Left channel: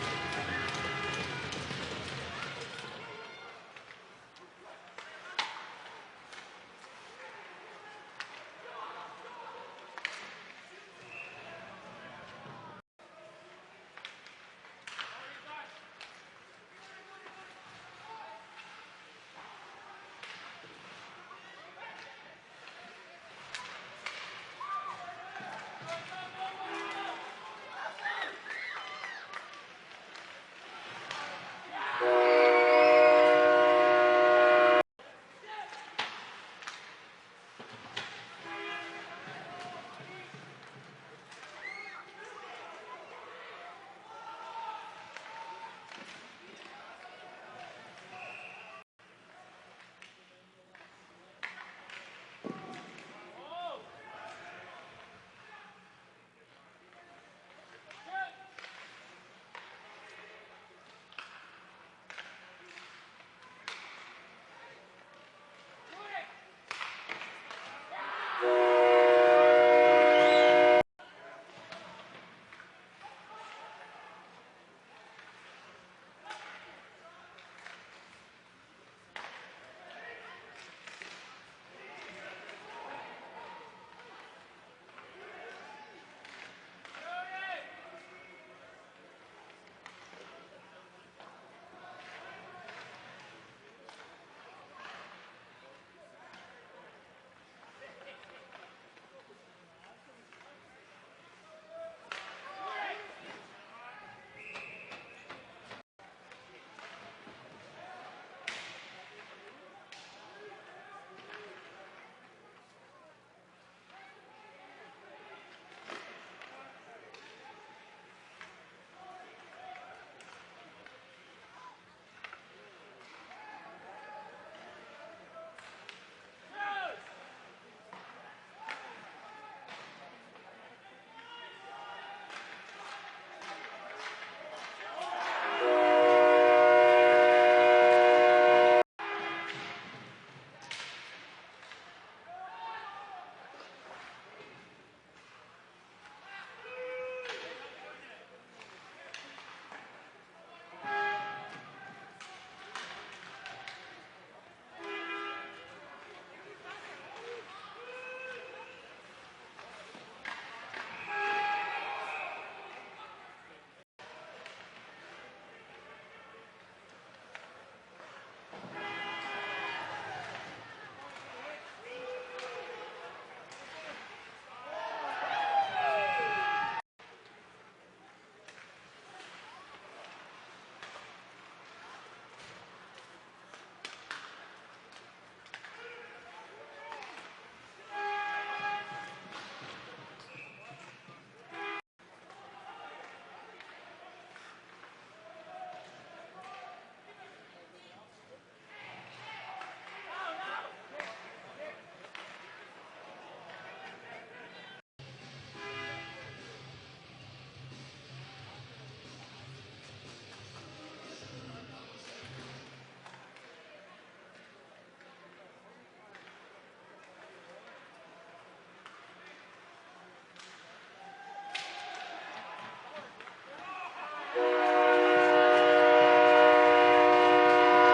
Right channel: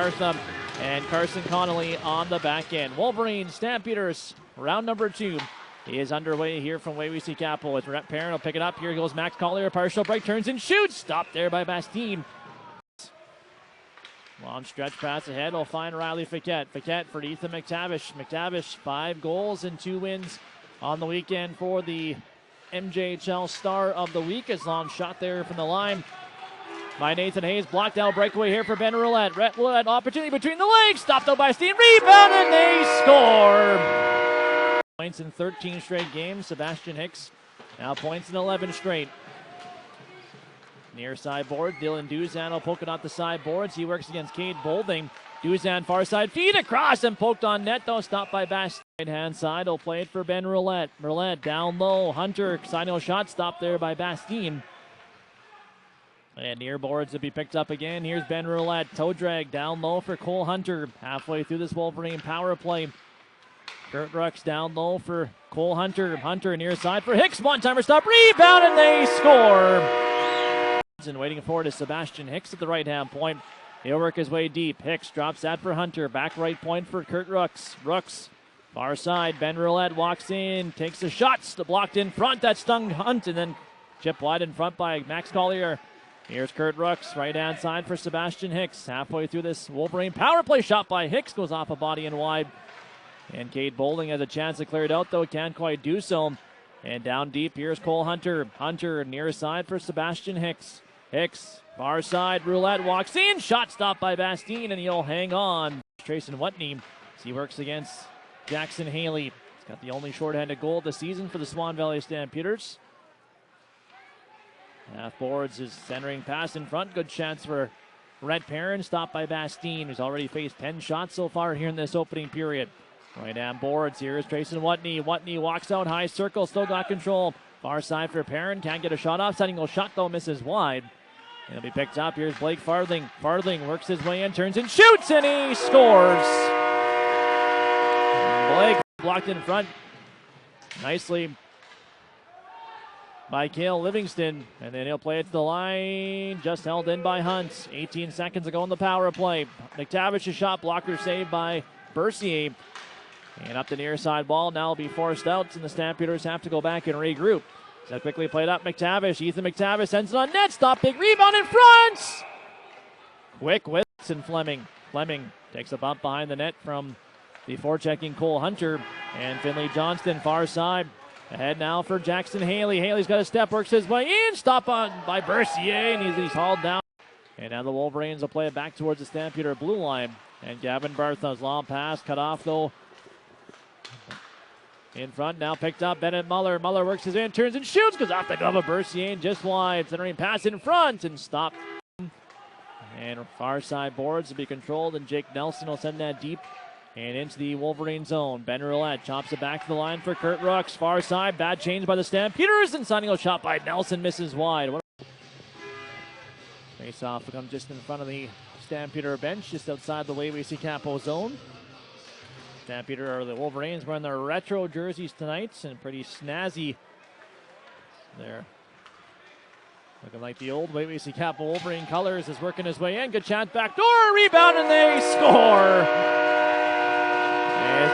And Carson Connolly on the back end. Wolverines, Stampeders, round number 2 is underway here from Waywayseecappo. It's Rhett Perrin will pick it up. Here goes Max Collier, partial break, turns and shoots. Stopped there by Bastine. Long stretch pass ahead, will find Riley Fiquette. Fiquette for Ethan McTavish. McTavish, 5 goals and 2 wins on the weekend for the MJHL Star of the Week. His long shot there from the line by Nathan Hayes. Blocked out breakaway here for Ben Roulette. Roulette opportunity between the legs. Stopped out by Steen. Rebound and they score. Points in 13 straight games. Sebastian Hicks now points in 11 straight. Near side board. Dylan Duzan will poke it off the side boards. He works against Cade Bolding. Duzan far side feed across and poked on net though. Stopped by Bastine. Right hand side will play it for Ben Roulette. Roulette down low. Hunter side shot stopped there by Bastine. And near boards to be picked up again. Here's Ben Roulette. Toe drag down low for Cole Hunter. Halfway through this Wolverine power play. Kurt Rucks down low for Cole Hunter. Hunter near side for Hicks. One-timer stop. Rebound and they score. And waiting for it is Sebastian Hicks at the right-hand point. He'll work his way deep. Hicks drops that for Hunter. Back right point for Kurt Rucks. Rucks far side. Ben Roulette walks in. Takes the shots. Blocked in front. That stung Hunt. And then chipped wide in front by Max Collier. Here's Kurt Rucks, right-hand side for Sebastian Hicks. Halfway through this Wolverine power play, shot by Hicks, goes off a body and wide. And Cade Bolding has a chance to clear it out, though can't quite do so. And down deep, here's Cole Hunter. Hunter near side for Sebastian Hicks. Hicks, far side, Roulette walks in, shot stopped by Bastine, and he'll hang on. Trayson Whitney, he works against Jackson Haley. He's got the only shorthanded goal of the season for the Swan Valley Stampeders. Half boards is centering pass in front. Good chance for Rhett Perrin. Stopped by Bastine, who's already faced 10 shots so far here in this opening period. Right hand boards. Here is Trayson Whitney. Whitney walks out high circle. Still got control. Far side for Perrin. Can't get a shot off. Setting a shot though. Misses wide. It'll be picked up. Here's Blake Farthing. Farthing works his way in. Turns and shoots. And he scores. Blake blocked in front. Nicely by Cale Livingston, and then he'll play it to the line, just held in by Hunt. 18 seconds ago in the power play. McTavish's shot blocker saved by Bercier. And up the near side wall, now will be forced out, and the Stampeders have to go back and regroup. So quickly played up McTavish. Ethan McTavish sends it on net, stop, big rebound in front! Quick with Fleming. Fleming takes a bump behind the net from the forechecking Cole Hunter, and Finley Johnston far side. Ahead now for Jackson Haley. Haley's got a step, works his way in. Stop on by Bercier, and he's hauled down. And now the Wolverines will play it back towards the Stampeder blue line. And Gavin Bartha's long pass, cut off though. In front, now picked up Bennett Muller. Muller works his in, turns and shoots, goes off the glove of Bercier and just wide. Centering pass in front and stopped. And far side boards will be controlled, and Jake Nelson will send that deep and into the Wolverine zone. Ben Roulette chops it back to the line for Kurt Rucks. Far side, bad change by the Stampeders, and signing a shot by Nelson misses wide. Face off will come just in front of the Stampeder bench, just outside the Waywayseecappo zone. Stampeder, or the Wolverines, wearing their retro jerseys tonight, and pretty snazzy there. Looking like the old Waywayseecappo Wolverine colors, is working his way in. Good chance, back door, rebound, and they score!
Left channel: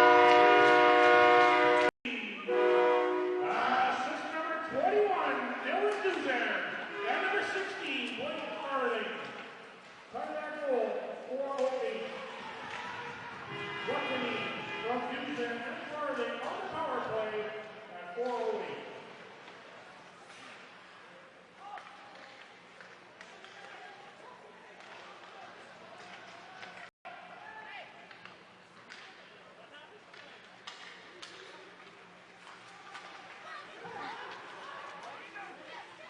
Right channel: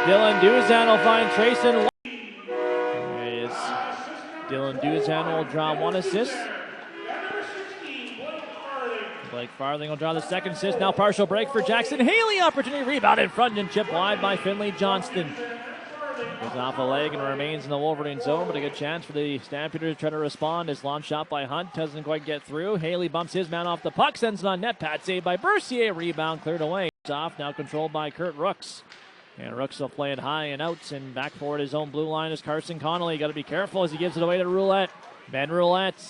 Dylan Duzan will find Trayson. Dylan Duzan will draw 1 assist. Blake Farthing will draw the 2nd assist. Now partial break for Jackson Haley. Opportunity rebound in front and chipped wide by Finley Johnston. Goes off a leg and remains in the Wolverine zone, but a good chance for the Stampeders to try to respond. His launch shot by Hunt doesn't quite get through. Haley bumps his man off the puck, sends it on net. Pat saved by Bercier. Rebound cleared away. It's off, now controlled by Kurt Rucks. And Rooks will play it high and out, and back forward his own blue line is Carson Connolly. Got to be careful as he gives it away to Roulette. Ben Roulette,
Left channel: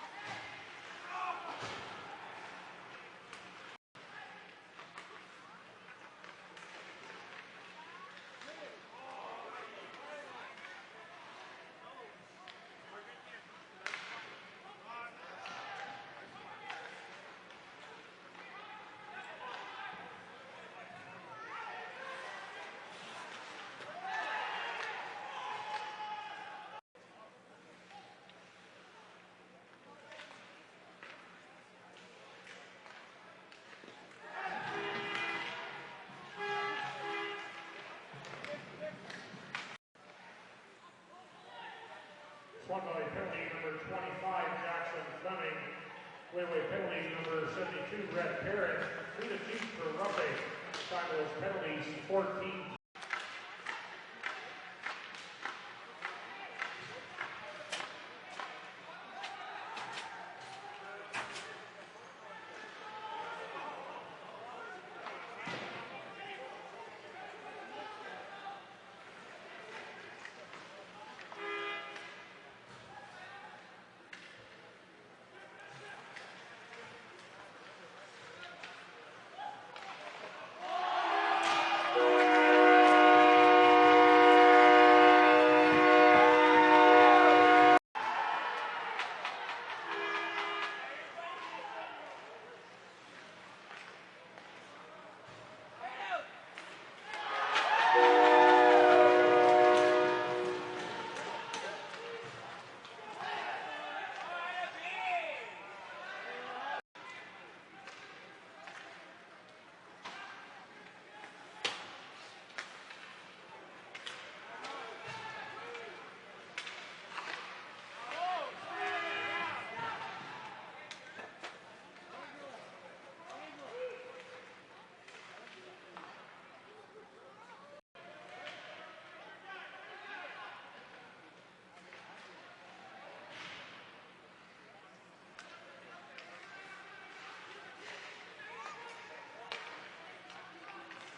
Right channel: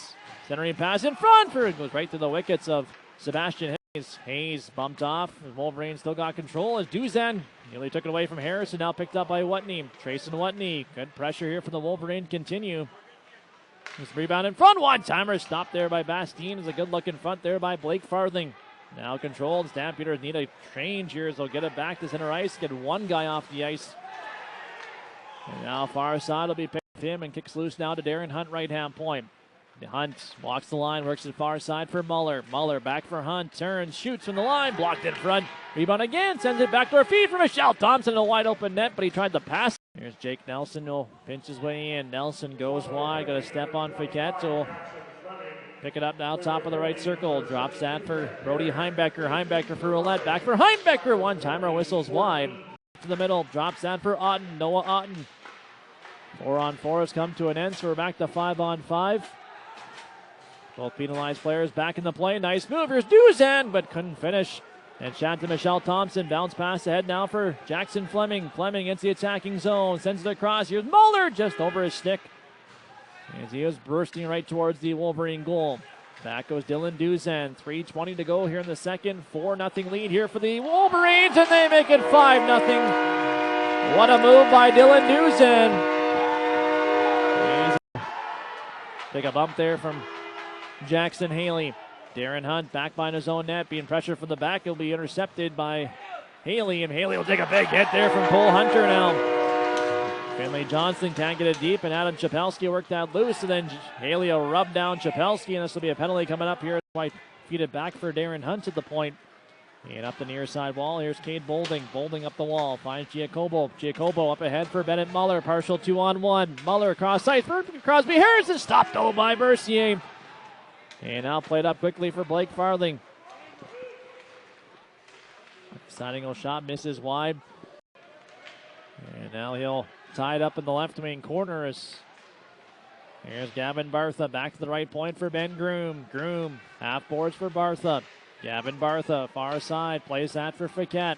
centering pass in front for it, goes right to the wickets of Sebastian Hayes. Hayes bumped off. The Wolverines still got control as Duzan nearly took it away from Harrison. Now picked up by Whitney. Trayson Whitney, good pressure here from the Wolverine. Continue. This rebound in front. One-timer stopped there by Bastine. Is a good look in front there by Blake Farthing. Now controlled. Stampeders need a change here as they'll get it back to center ice. Get one guy off the ice. And now far side will be picked him and kicks loose now to Darren Hunt, right hand point. Hunt walks the line, works the far side for Muller. Muller back for Hunt, turns, shoots from the line, blocked in front. Rebound again, sends it back to our feet for Michelle Thompson, a wide open net, but he tried to pass. Here's Jake Nelson, will pinch his way in. Nelson goes wide, got a step on Fiquette, so we'll pick it up now, top of the right circle. Drops that for Brody Heimbecker. Heimbecker for Roulette, back for Heimbecker. One-timer, whistles wide. To the middle, drops that for Otten. Noah Otten. 4-on-4 has come to an end, so we're back to 5-on-5. Both penalized players back in the play. Nice move. Here's Duzan, but couldn't finish. And shot to Michelle Thompson. Bounce pass ahead now for Jackson Fleming. Fleming into the attacking zone. Sends it across. Here's Muller just over his stick, as he was bursting right towards the Wolverine goal. Back goes Dylan Duzan. 3:20 to go here in the second. 4-0 lead here for the Wolverines, and they make it 5-0. What a move by Dylan Duzan. Take a bump there from Jackson Haley. Darren Hunt back behind his own net, being pressured from the back. He'll be intercepted by Haley, and Haley will take a big hit there from Cole Hunter now. Finley Johnson can't get it deep, and Adam Chapelski worked that loose, and then Haley will rub down Chapelski, and this will be a penalty coming up here. Feed it back for Darren Hunt at the point. And up the near side wall, here's Cade Bolding. Bolding up the wall, finds Giacobo. Giacobo up ahead for Bennett Muller, partial 2-on-1. Muller across ice for Crosby Harrison, stopped though by Mercier. And now played up quickly for Blake Farthing. Signing a shot, misses wide. And now he'll tie it up in the left wing corner. Here's Gavin Bartha back to the right point for Ben Groom. Groom, half boards for Bartha. Gavin Bartha, far side, plays that for Fiquette.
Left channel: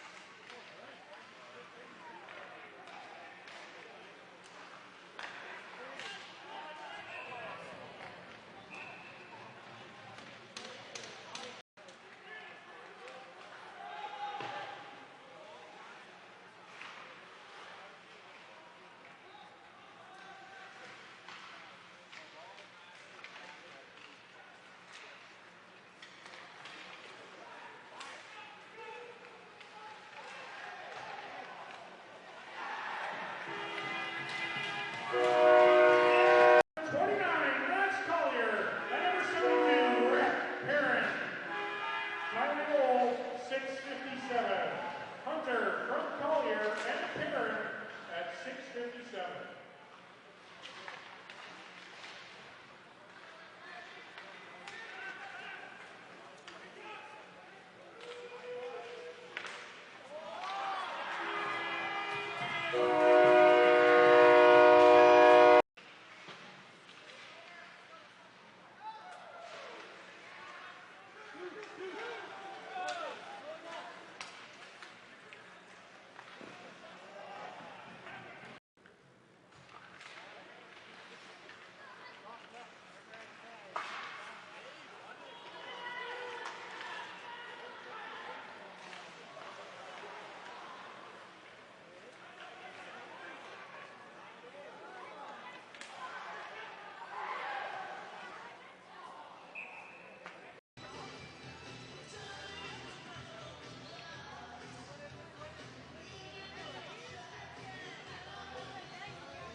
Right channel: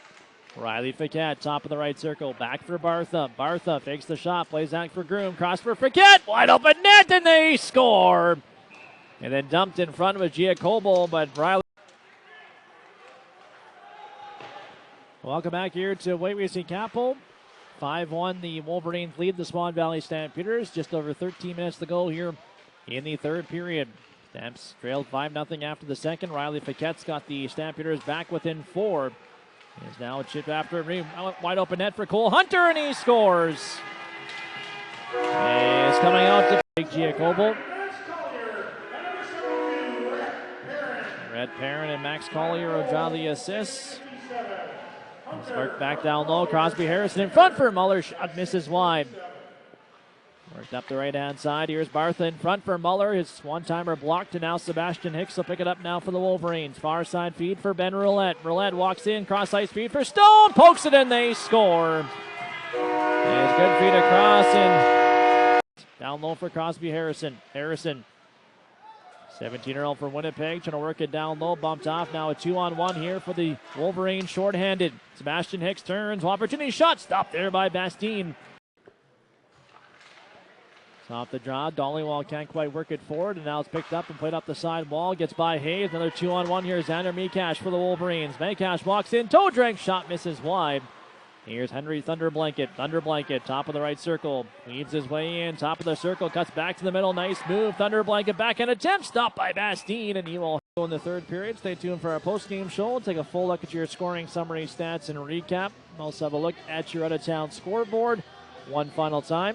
Riley Fiquette, top of the right circle, back for Bartha. Bartha fakes the shot, plays that for Groom. Cross for Fiquette, wide open net, and they score. And then dumped in front with Giacobo, but Riley. Welcome back here to Waywayseecappo. 5-1, the Wolverines lead the Swan Valley Stampeders. Just over 13 minutes to go here in the third period. Stamps trailed 5-0 after the second. Riley Fiquette's got the Stampeders back within 4. There's now a chip after it. Wide open net for Cole Hunter, and he scores. He's coming out to take Giacobo. Red Perrin and Max Collier will draw the assists. Back down low, Crosby Harrison in front for Muller. Shot misses wide. Worked up the right-hand side. Here's Bartha in front for Muller. His one-timer blocked, and now Sebastian Hicks will pick it up now for the Wolverines. Far side feed for Ben Roulette. Roulette walks in, cross-ice feed for Stone. Pokes it in, they score. There's good feed across, and down low for Crosby Harrison. Harrison, 17-year-old for Winnipeg, trying to work it down low, bumped off. Now a 2-on-1 here for the Wolverines, shorthanded. Sebastian Hicks turns, opportunity shot, stopped there by Bastien. Off the draw, Dollywall can't quite work it forward, and now it's picked up and played up the side wall, gets by Hayes. Another 2-on-1 here, Xander Mikash for the Wolverines. Mikash walks in, toe drink, shot misses wide. Here's Henry Thunderblanket. Thunderblanket, top of the right circle. Weaves his way in, top of the circle, cuts back to the middle. Nice move. Thunderblanket back in attempt. Stopped by Bastien, and he will go in the third period. Stay tuned for our post-game show. We'll take a full look at your scoring summary, stats, and recap. Also have a look at your out-of-town scoreboard one final time.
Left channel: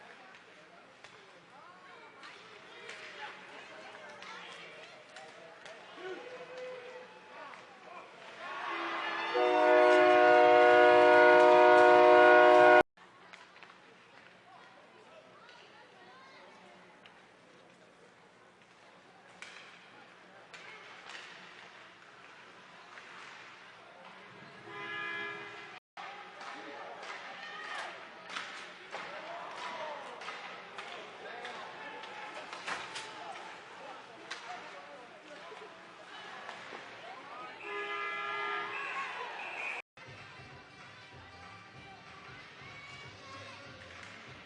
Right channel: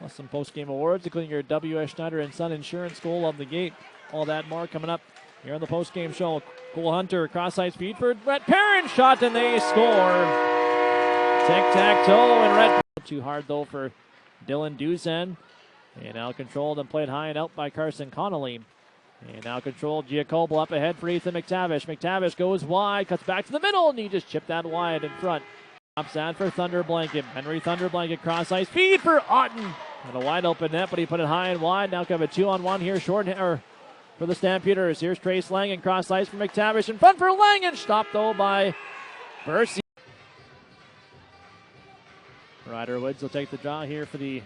Plus some post-game awards, including your W.S. Schneider and Son Insurance goal of the gate. All that more coming up here on the post-game show. Cole Hunter, cross-ice feed for Red Perrin, shot, and they score. Tic-tac-toe, and Red too hard, though, for Dylan Duzan. And now controlled and played high and out by Carson Connolly. And now controlled, Giacobo up ahead for Ethan McTavish. McTavish goes wide, cuts back to the middle, and he just chipped that wide in front. Drops that for Thunderblanket. Henry Thunderblanket, cross-ice feed for Otten. And a wide open net, but he put it high and wide. Now kind of a 2-on-1 here, for the Stampeders. Here's Trace Langen, cross ice for McTavish in front for Langen. Stopped though by Bercy. Ryder Woods will take the draw here for the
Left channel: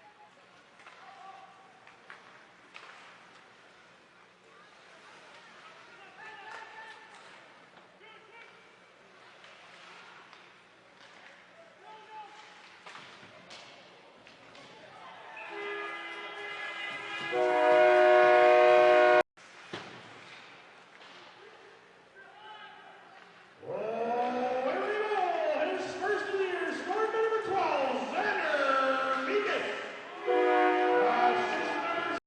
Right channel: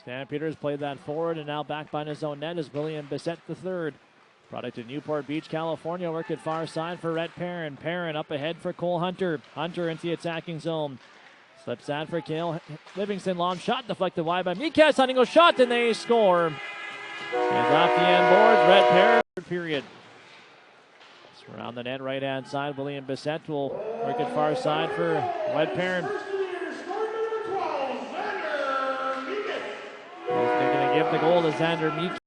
Stampeders. Played that forward, and now back behind his own net is William Bissett III. Product of Newport Beach, California. Work at far side for Rhett Perrin. Perrin up ahead for Cole Hunter. Hunter into the attacking zone. Slips that for Cale Livingston. Long shot deflected wide by Mikas. Hunting a shot, and they score. He's off the end board, Red Perrin, period. It's around the net, right-hand side. William Bissett will work it far side for Red Perrin. goal to Xander Meek.